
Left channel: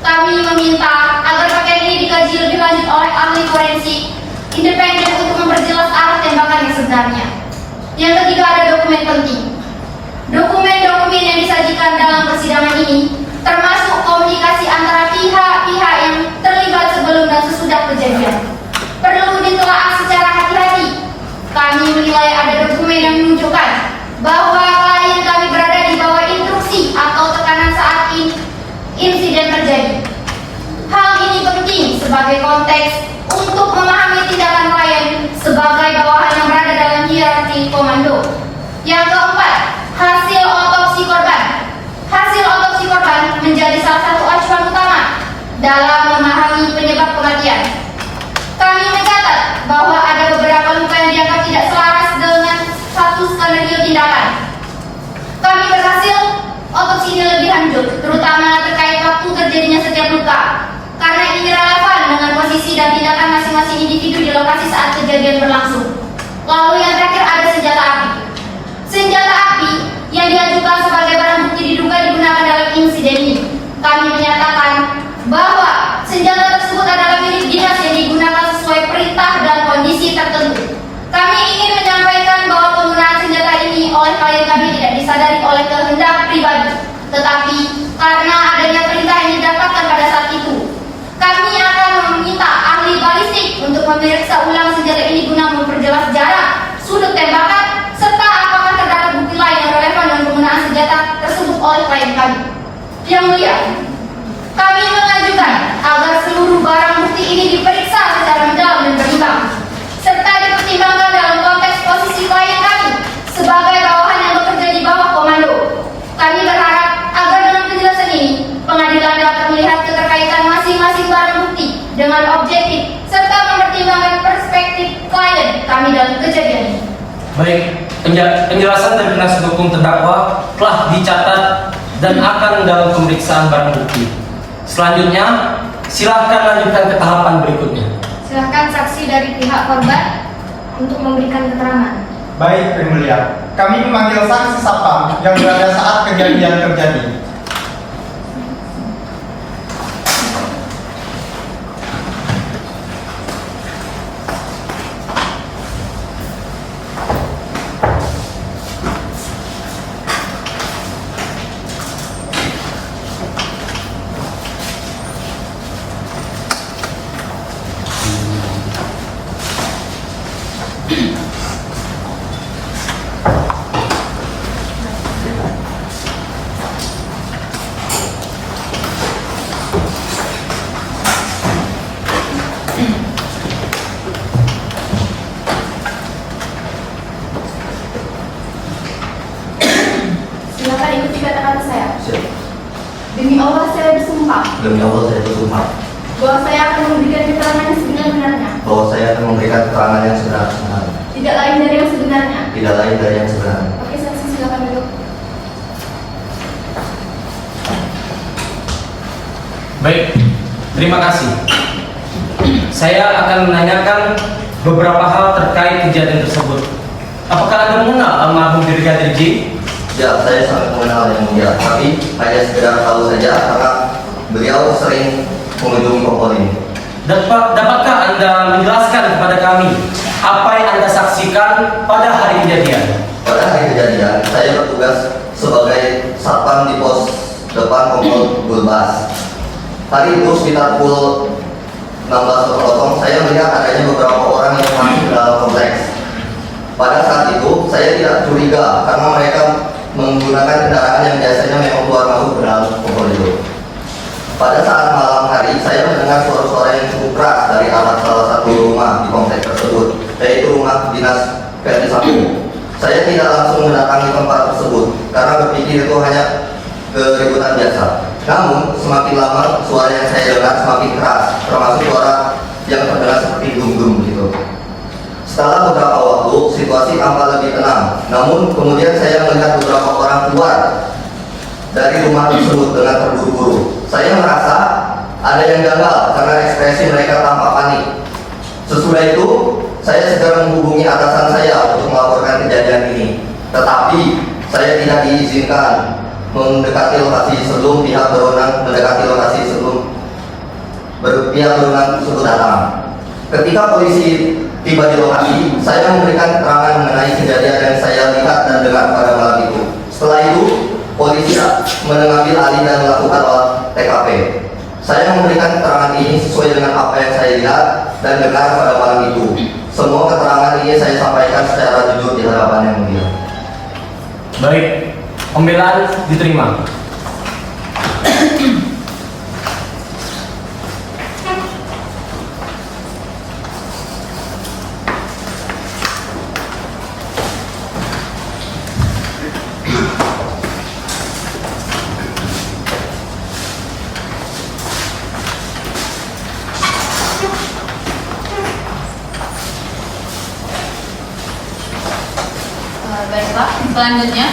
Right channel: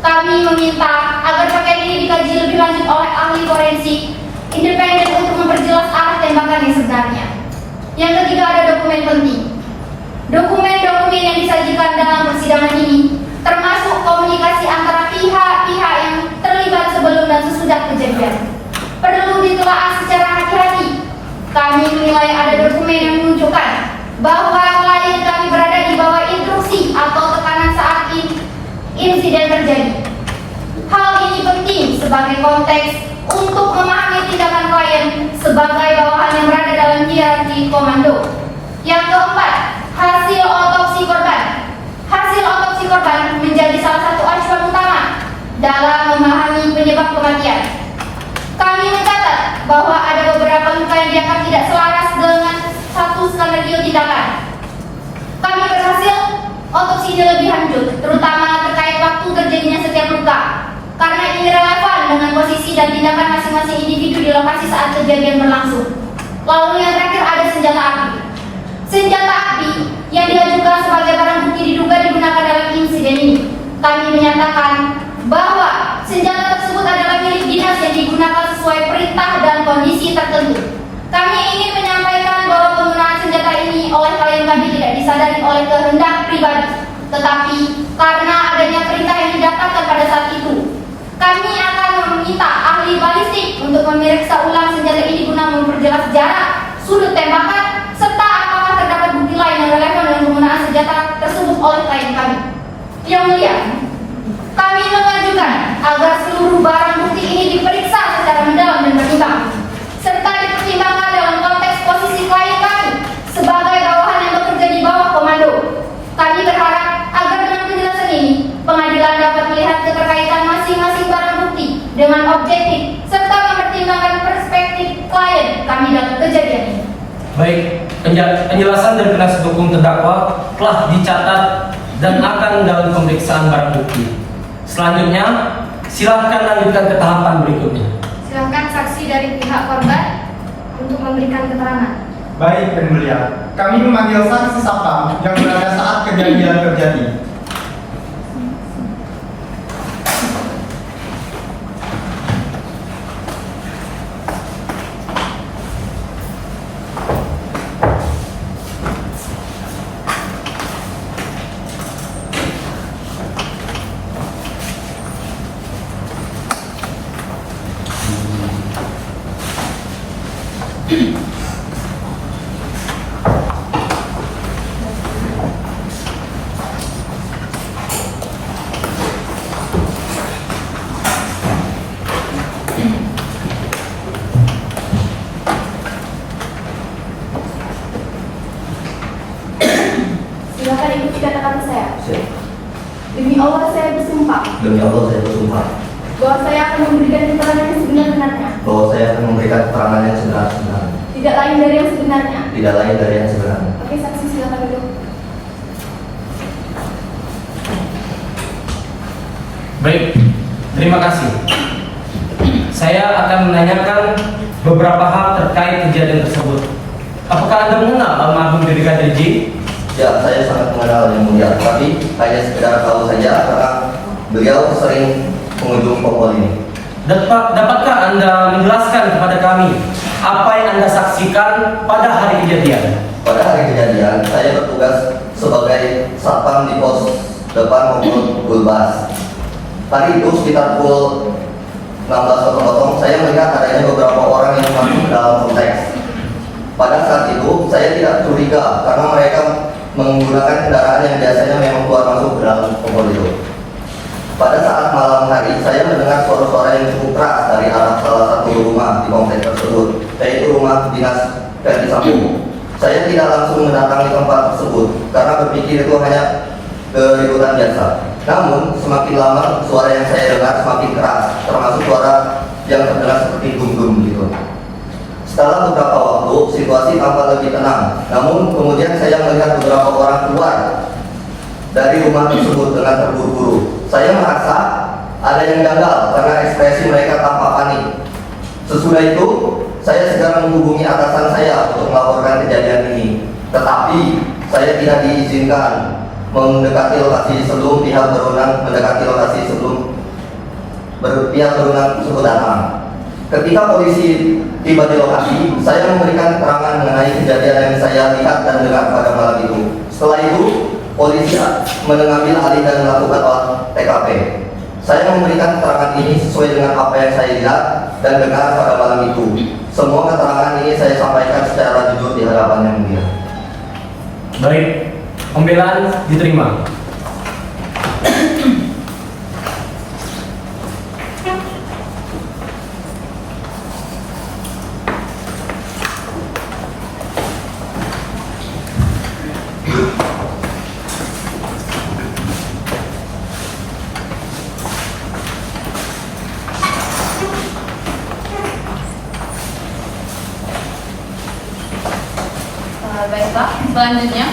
Kami meminta agar pakaian ini dikaji lebih lanjut oleh ahli forensik independen untuk memperjelas arah tembakan yang sebenarnya. Yang ketiga, ada dokumen penting. Dokumen-dokumen yang disajikan dalam persidangan ini termasuk komunikasi antara pihak-pihak yang terlibat sebelum dan sesudah kejadian. Perlu ditelaah secara hati-hati. Kami menilai ada dokumen yang menunjukkan bahwa klien kami berada di bawah instruksi atau tekanan saat insiden terjadi. Hal ini penting sebagai konteks untuk memahami tindakan klien sebagai bawahan yang berada dalam hierarki komando. Yang keempat, hasil otopsi korban. Hasil otopsi korban menjadi salah satu acuan utama dalam memahami penyebab kematian. Kami mencatat bahwa ada beberapa luka yang dianggap tidak selaras dengan satu skenario tindakan. Kami berhasil otopsi ini lebih lanjut, terutama terkait waktu terjadinya setiap luka, karena ini relevan dengan posisi dan tindakan masing-masing individu di lokasi saat kejadian berlangsung. Lalu yang terakhir, ada senjata api. Senjata api yang diajukan sebagai barang bukti diduga digunakan dalam insiden ini. Kami menyatakan bahwa senjata tersebut adalah milik dinas yang digunakan sesuai perintah dan kondisi tertentu. Kami ingin menyampaikan bahwa penggunaan senjata ini oleh klien kami tidak disadari oleh kehendak pribadi, tetapi karena adanya perintah yang didapatkan pada saat itu. Kami akan meminta ahli balistik untuk memeriksa ulang senjata ini guna memperjelas jarak, sudut tembakan, serta apakah terdapat bukti lain yang relevan dengan penggunaan senjata tersebut oleh klien kami. Yang mulia, kami mengajukan agar seluruh barang bukti ini diperiksa secara mendalam dan berimbang, serta dipertimbangkan dalam konteks posisi klien kami sebagai bawahan yang bekerja di bawah komando. Kami berharap agar dengan penjelasan ini, pengadilan dapat melihat keterkaitan masing-masing barang bukti dengan objektif, serta mempertimbangkan perspektif klien kami dalam kejadian ini. Baik, penjelasan dari penasihat hukum terdakwa telah dicatat dan akan dalam pemeriksaan barang bukti. Selanjutnya, silakan lanjutkan ke tahapan berikutnya. Silakan saksi dari pihak korban untuk memberikan keterangan. Baik, Yang Mulia. Kami memanggil saksi Sapam yang berada saat kejadian terjadi. Silakan ikuti kata-kata saya. Demi Allah saya bersumpah Demi Allah saya bersumpah bahwa saya akan memberikan keterangan yang sebenar-benarnya, bahwa saya akan memberikan keterangan yang sebenar-benarnya, tidak lain dari yang sebenarnya. tidak lain dari yang sebenarnya. Oke, saksi silakan duduk. Baik, terima kasih. Saya akan menanyakan beberapa hal terkait kejadian tersebut. Apakah Anda mengenal almarhum Brigadir J? Ya, saya sangat mengenal Yang Mulia, tapi hanya sekedar tahu saja karena beliau sering mengunjungi kompol ini. Dapatkah Anda menjelaskan kepada kami apa yang Anda saksikan pada hari kejadian? Pada hari kejadian, saya bertugas sebagai satpam di pos depan kompol Gulbas. Hari itu sekitar pukul 16.00 saya melihat adanya beberapa orang yang masuk ke dalam kompleks. Pada saat itu saya tidak curiga karena mereka menggunakan kendaraan yang biasanya memang keluar masuk ke dalam kompol itu. Pada saat malam hari saya mendengar suara-suara yang cukup keras dari arah salah satu rumah di kompleks tersebut, yaitu rumah dinas Verdi Sambo. Saya tidak langsung mendatangi tempat tersebut karena berpikir itu hanya keributan biasa. Namun semakin lama suara yang saya dengar semakin keras, termasuk suara yang terdengar seperti gunung begitu. Setelah beberapa waktu, situasi tampak lebih tenang. Namun kemudian saya melihat beberapa orang keluar dari rumah tersebut dengan terburu-buru. Saya merasa ada yang gagal karena ekspresi mereka tampak panik. Sesudah itu, saya segera menghubungi atasan saya untuk melaporkan kejadian ini. Tetapi saya tidak diizinkan mendekati lokasi sebelum pihak berwenang tersebut datang. Ketika polisi tiba di lokasi, saya memberikan keterangan mengenai kejadian yang saya lihat dan dengar pada malam itu. Setelah itu, polisi mengambil alih dan melakukan olah TKP. Saya memberikan keterangan ini sesuai dengan apa yang saya lihat dan dengar pada malam itu. Semua keterangan ini saya sampaikan secara jujur di hadapan yang mulia. Baik, pembelaan diterima. Baiklah, selanjutnya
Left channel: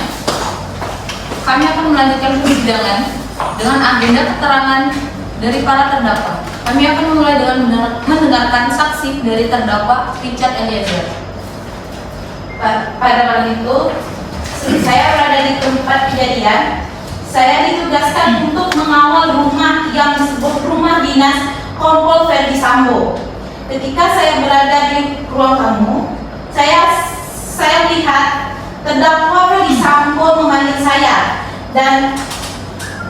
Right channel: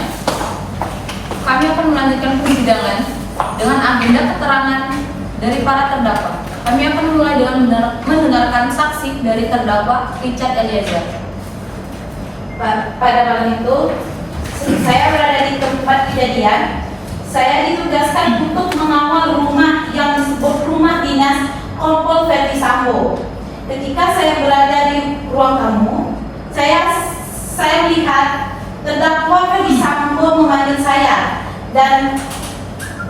kami akan melanjutkan persidangan dengan agenda keterangan dari para terdakwa. Kami akan memulai dengan mendengarkan saksi dari terdakwa Richard Eliezer. Pada malam itu, saya berada di tempat kejadian. Saya ditugaskan untuk mengawal rumah yang disebut rumah dinas Kompol Ferdi Sambo. Ketika saya berada di ruang tamu, saya melihat terdakwa Ferdi Sambo memanggil saya dan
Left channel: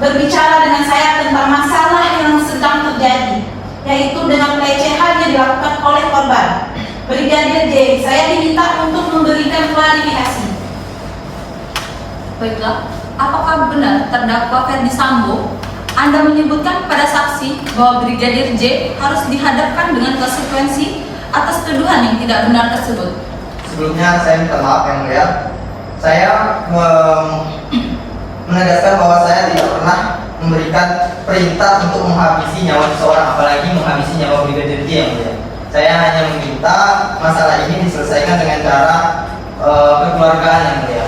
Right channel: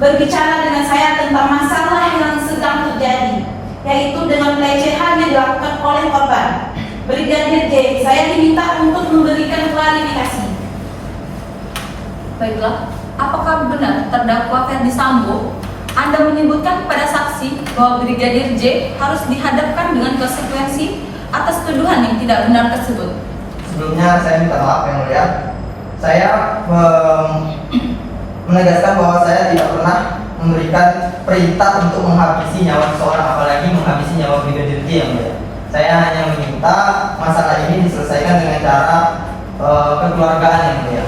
berbicara dengan saya tentang masalah yang sedang terjadi, yaitu dengan pelecehan yang dilakukan oleh korban. Brigadir J, saya diminta untuk memberikan klarifikasi. Baiklah, apakah benar terdakwa Ferdi Sambo Anda menyebutkan kepada saksi bahwa Brigadir J harus dihadapkan dengan konsekuensi atas tuduhan yang tidak benar tersebut? Sebelumnya saya minta maaf yang mulia. Saya menegaskan bahwa saya tidak pernah memberikan perintah untuk menghabisi nyawa seseorang, apalagi menghabisi nyawa Brigadir J yang mulia. Saya hanya meminta masalah ini diselesaikan dengan cara kekeluargaan yang mulia.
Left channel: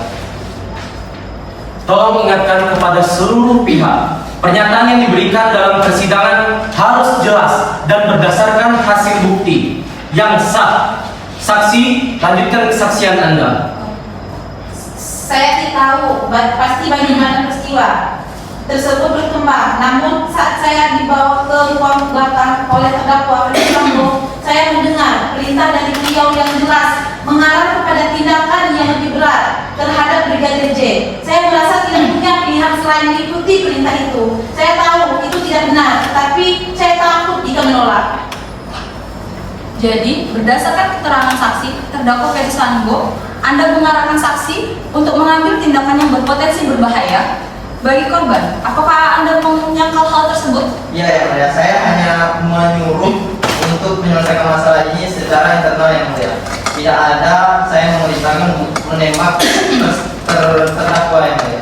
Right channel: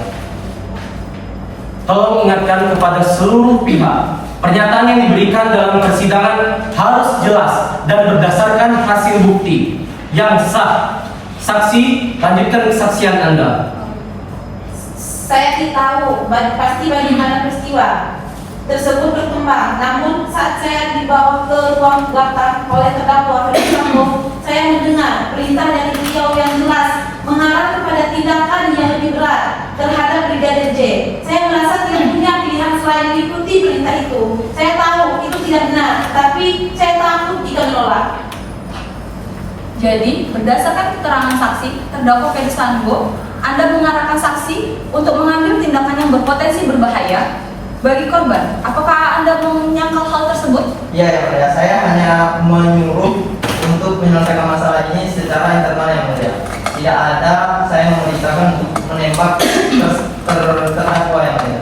Tolong ingatkan kepada seluruh pihak, pernyataan yang diberikan dalam persidangan harus jelas dan berdasarkan hasil bukti yang sah. Saksi, lanjutkan kesaksian Anda. Saya tidak tahu pasti bagaimana peristiwa tersebut berkembang. Namun saat saya dibawa ke ruang belakang oleh terdakwa Ferdi Sambo, saya mendengar perintah dari beliau yang jelas mengarah kepada tindakan yang lebih berat terhadap Brigadir J. Saya merasa tidak punya pilihan selain mengikuti perintah itu. Saya tahu itu tidak benar, tapi saya takut jika menolak. Jadi, berdasarkan keterangan saksi, terdakwa Ferdi Sambo, Anda mengarahkan saksi untuk mengambil tindakan yang berpotensi berbahaya bagi korban. Apakah Anda menyangkal hal tersebut? Ya, yang mulia. Saya hanya menyuruh untuk menyelesaikan masalah ini secara internal yang mulia. Tidak ada saya memerintahkan menembak terdakwa yang mulia.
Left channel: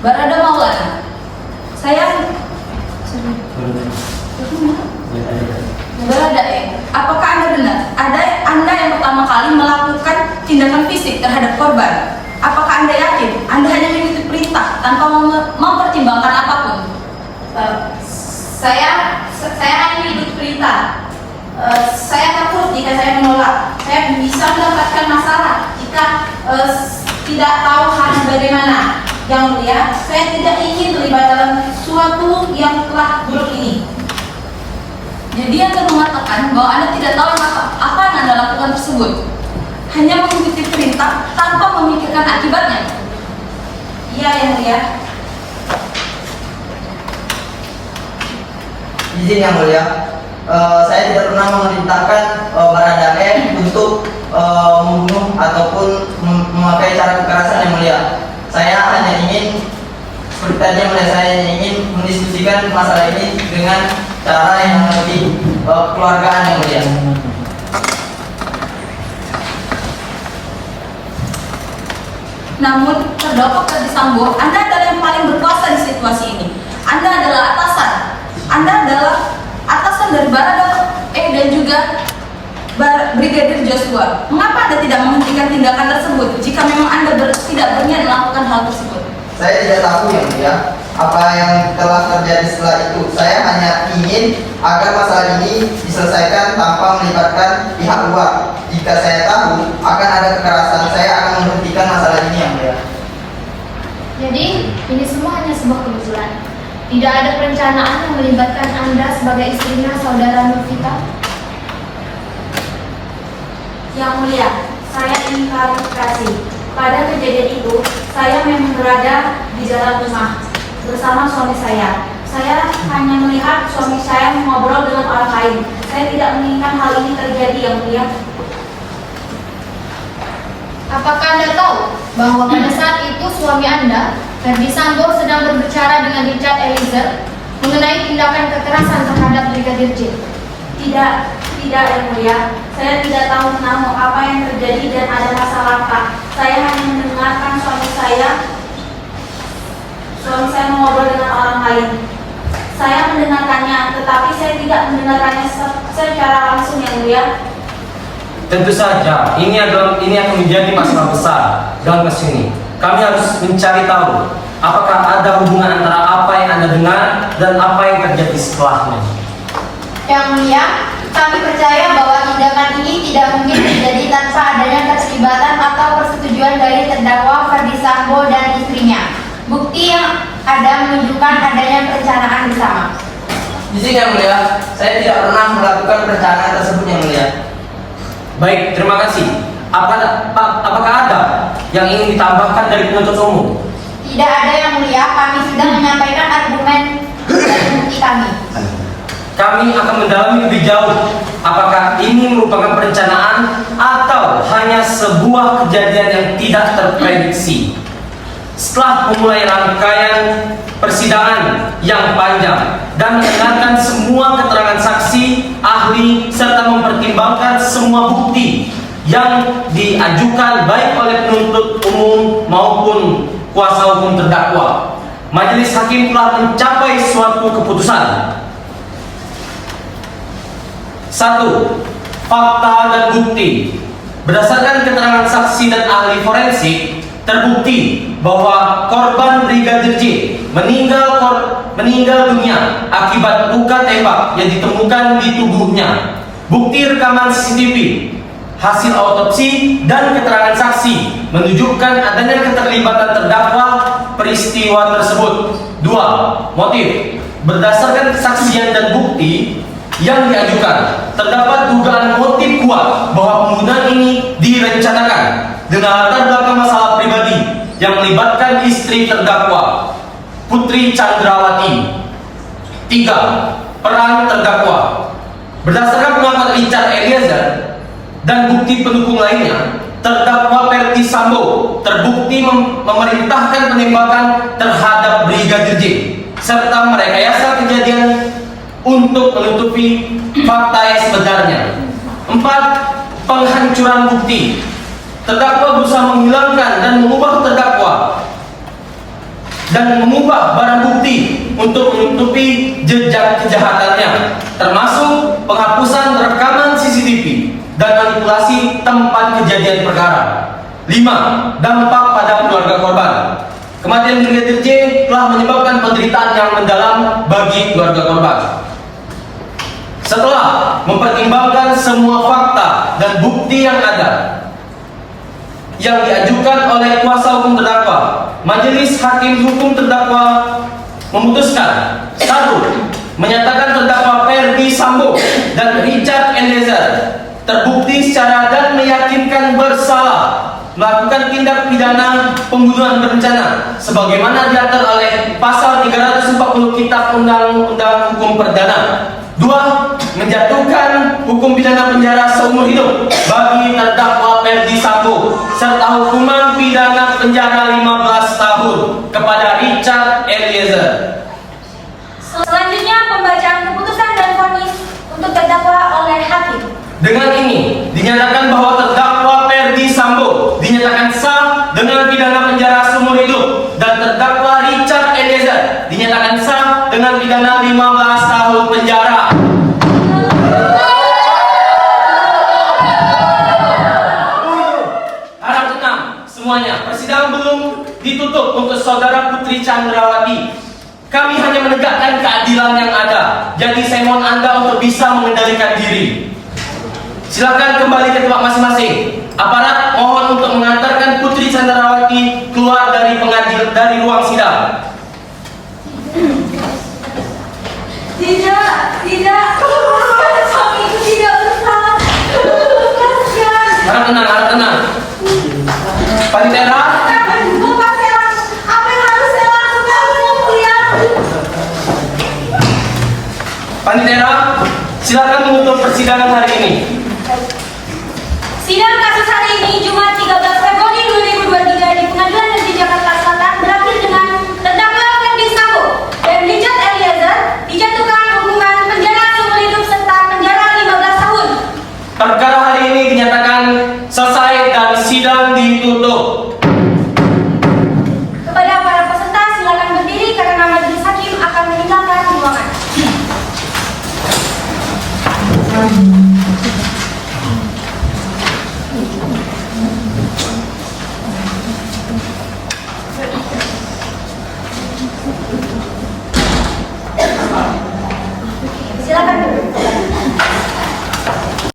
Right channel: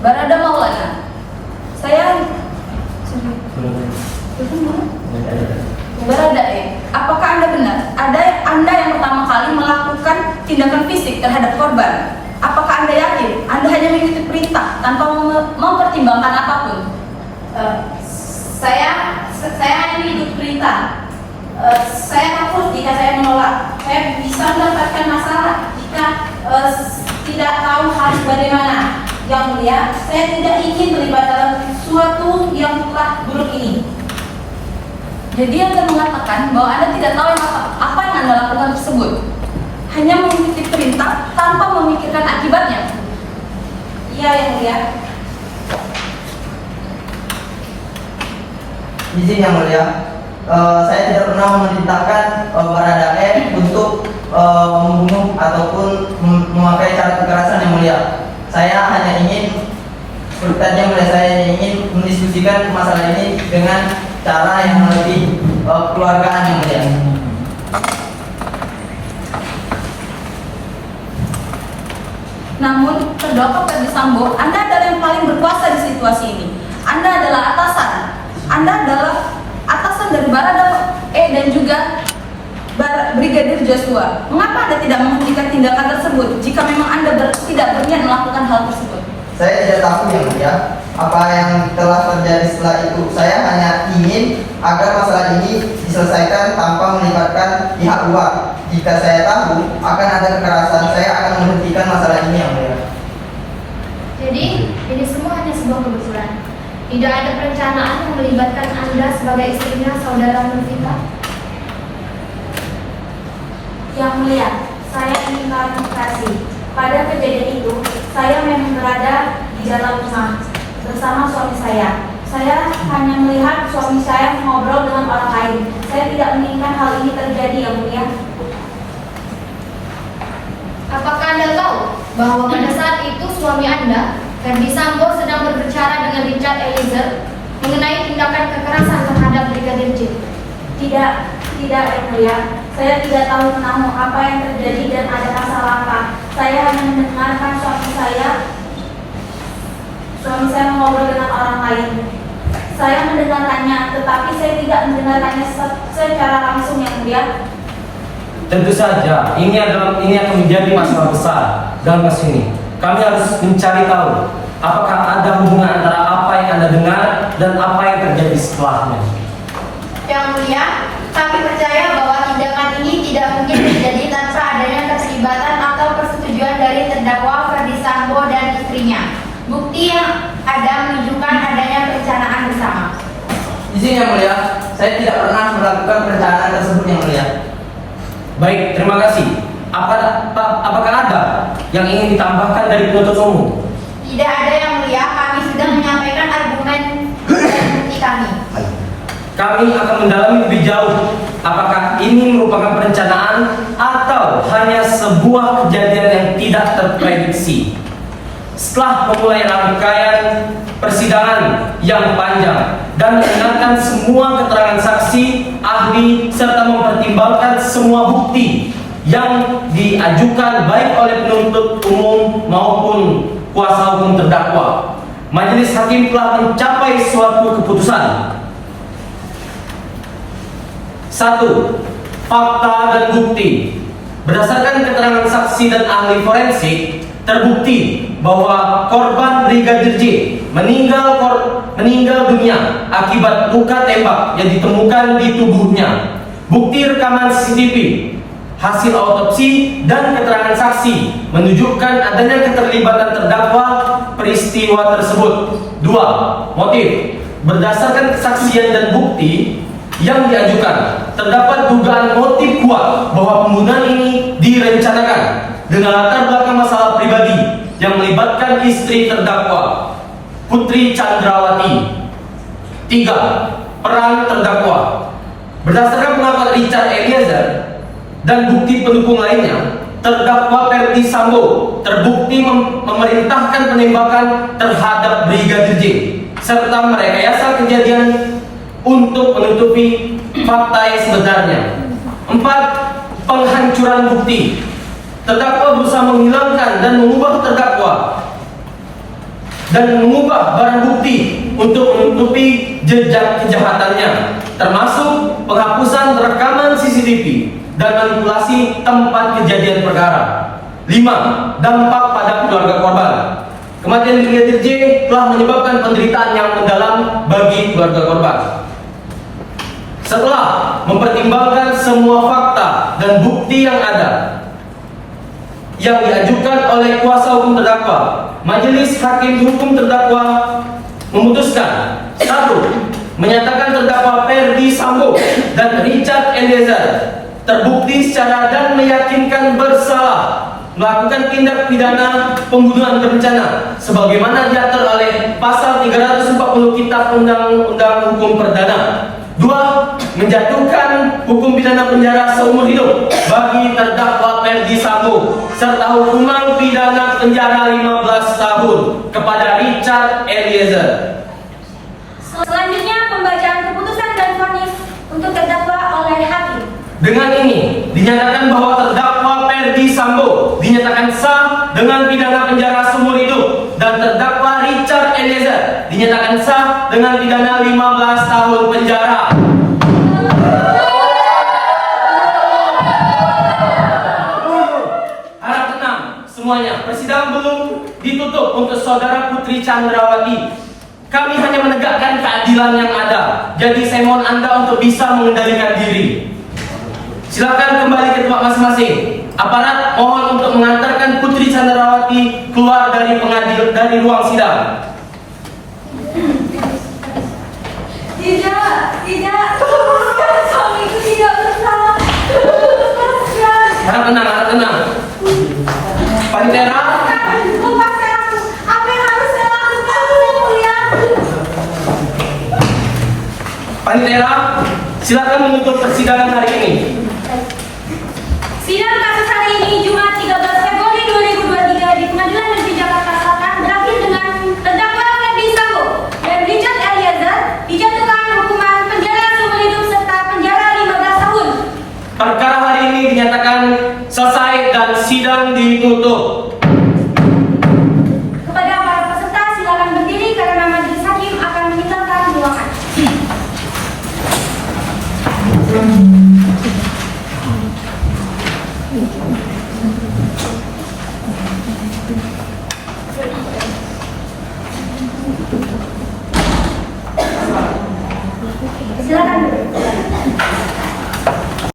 Barada Maulana, Baradae, apakah Anda benar? Anda yang pertama kali melakukan tindakan fisik terhadap korban. Apakah Anda yakin Anda hanya mengikuti perintah tanpa mempertimbangkan apapun? Saya hanya mengikuti perintah. Saya takut jika saya menolak. Saya bisa mendapatkan masalah jika tidak tahu harus bagaimana. Yang mulia, saya tidak ingin terlibat dalam sesuatu yang telah buruk ini. Jadi Anda mengatakan bahwa Anda tidak tahu apa yang Anda lakukan tersebut, hanya mengikuti perintah tanpa memikirkan akibatnya. Iya, yang mulia. Izin yang mulia, saya tidak pernah memerintahkan Baradae untuk membunuh ataupun memakai cara kekerasan yang mulia. Saya hanya ingin, seperti tadi yang mulia, saya ingin mendiskusikan masalah ini dengan cara yang lebih kekeluargaan yang mulia. Namun, terdakwa Ferdi Sambo, Anda adalah yang paling berkuasa di situasi ini. Anda adalah atasan. Anda adalah atasan dari Barada dan juga Brigadir Joshua. Mengapa Anda tidak menghentikan tindakan tersebut jika memang Anda tidak berniat melakukan hal tersebut? Saya tidak tahu yang mulia apa yang telah terjadi setelah itu. Saya hanya ingin agar masalah ini diselesaikan tanpa melibatkan pihak luar. Jika saya tahu akan ada kekerasan, saya akan menghentikan masalah ini yang mulia. Jadi, ini semua hanya sebuah kebetulan. Tidak ada perencanaan yang melibatkan Anda sebagai istrinya saudara Nurvita. Yang mulia, saya ingin klarifikasi. Pada kejadian itu, saya memang berada di dalam rumah bersama suami saya. Saya hanya melihat suami saya mengobrol dengan orang lain. Saya tidak menginginkan hal ini terjadi, yang mulia. Apakah Anda tahu bahwa pada saat itu suami Anda, Ferdi Sambo, sedang berbicara dengan Richard Eliezer mengenai tindakan kekerasan terhadap Brigadir J? Tidak, yang mulia. Saya tidak tahu menau apa yang terjadi dan ada masalah apa. Saya hanya mendengarkan suami saya mengobrol dengan orang lain. Saya mendengarkannya, tetapi saya tidak mendengarkannya secara langsung, yang mulia. Tentu saja, ini akan menjadi masalah besar dalam kasus ini. Kami harus mencari tahu apakah ada hubungan antara apa yang Anda dengar dan apa yang terjadi setelahnya. Yang mulia, kami percaya bahwa tindakan ini tidak mungkin terjadi tanpa adanya keterlibatan atau persetujuan dari terdakwa Ferdi Sambo dan istrinya. Bukti yang ada menunjukkan adanya perencanaan bersama. Izin yang mulia, saya tidak pernah melakukan perencanaan tersebut yang mulia. Baik, terima kasih. Apakah ada yang ingin ditambahkan dari penuntut umum? Tidak ada, yang mulia. Kami sudah menyampaikan argumen dan bukti kami. Kami akan mendalami lebih jauh apakah ini merupakan perencanaan atau hanya sebuah kejadian yang tidak terprediksi. Setelah memulai rangkaian persidangan yang panjang dan mendengarkan semua keterangan saksi, ahli, serta mempertimbangkan semua bukti yang diajukan baik oleh penuntut umum maupun kuasa hukum terdakwa, majelis hakim telah mencapai suatu keputusan. 1. Fakta dan bukti. Berdasarkan keterangan saksi dan ahli forensik, terbukti bahwa korban Brigadir J meninggal dunia akibat luka tembak yang ditemukan di tubuhnya. Bukti rekaman CCTV, hasil autopsi, dan keterangan saksi menunjukkan adanya keterlibatan terdakwa peristiwa tersebut. 2. Motif. Berdasarkan kesaksian dan bukti yang diajukan, terdapat dugaan motif kuat bahwa pembunuhan ini direncanakan dengan latar belakang masalah pribadi yang melibatkan istri terdakwa, Putri Chandrawati. 3. Peran terdakwa. Berdasarkan pengakuan Richard Eliezer dan bukti pendukung lainnya, terdakwa Ferdi Sambo terbukti memerintahkan penembakan terhadap Brigadir J serta merekayasa kejadian untuk menutupi fakta yang sebenarnya. 4. Penghancuran bukti. Terdakwa berusaha menghilangkan dan mengubah barang bukti untuk menutupi jejak kejahatannya, termasuk penghapusan rekaman CCTV dan manipulasi tempat kejadian perkara. 5. Dampak pada keluarga korban. Kematian Brigadir J telah menyebabkan penderitaan yang mendalam bagi keluarga korban. Setelah mempertimbangkan semua fakta dan bukti yang ada yang diajukan oleh kuasa hukum terdakwa, majelis hakim hukum terdakwa memutuskan: 1. Menyatakan terdakwa Ferdi Sambo dan Richard Eliezer terbukti secara dan meyakinkan bersalah melakukan tindak pidana pembunuhan berencana sebagaimana diatur oleh pasal 340 Kitab Undang-Undang Hukum Perdana. 2. Menjatuhkan hukum pidana penjara seumur hidup bagi terdakwa Ferdi Sambo serta hukuman pidana penjara 15 tahun kepada Richard Eliezer. Selanjutnya pembacaan keputusan dan vonis untuk terdakwa oleh hakim. Dengan ini dinyatakan bahwa terdakwa Ferdi Sambo dinyatakan sah dengan pidana penjara seumur hidup dan terdakwa Richard Eliezer dinyatakan sah dengan pidana 15 tahun penjara. Harap tenang semuanya, persidangan belum ditutup untuk saudara Putri Chandrawati. Kami hanya menegakkan keadilan yang ada. Jadi saya mohon Anda untuk bisa mengendalikan diri. Silakan kembali ke tempat masing-masing. Aparat mohon untuk mengantarkan Putri Chandrawati keluar dari dari ruang sidang. Tidak, suami itu tidak bersalah. Lepaskan. Harap tenang. Panitera, Lepaskan aku. Apa yang harus saya lakukan, Yang Mulia? Panitera, silakan menutup persidangan hari ini. Sidang kasus hari ini Jumat 13 Februari 2023 di Pengadilan Negeri Jakarta Selatan berakhir dengan terdakwa Ferdi Sambo dan Richard Eliezer dijatuhkan hukuman penjara seumur hidup serta penjara 15 tahun. Perkara hari ini dinyatakan selesai dan sidang ditutup. Kepada para peserta silakan berdiri karena majelis hakim akan meninggalkan ruangan.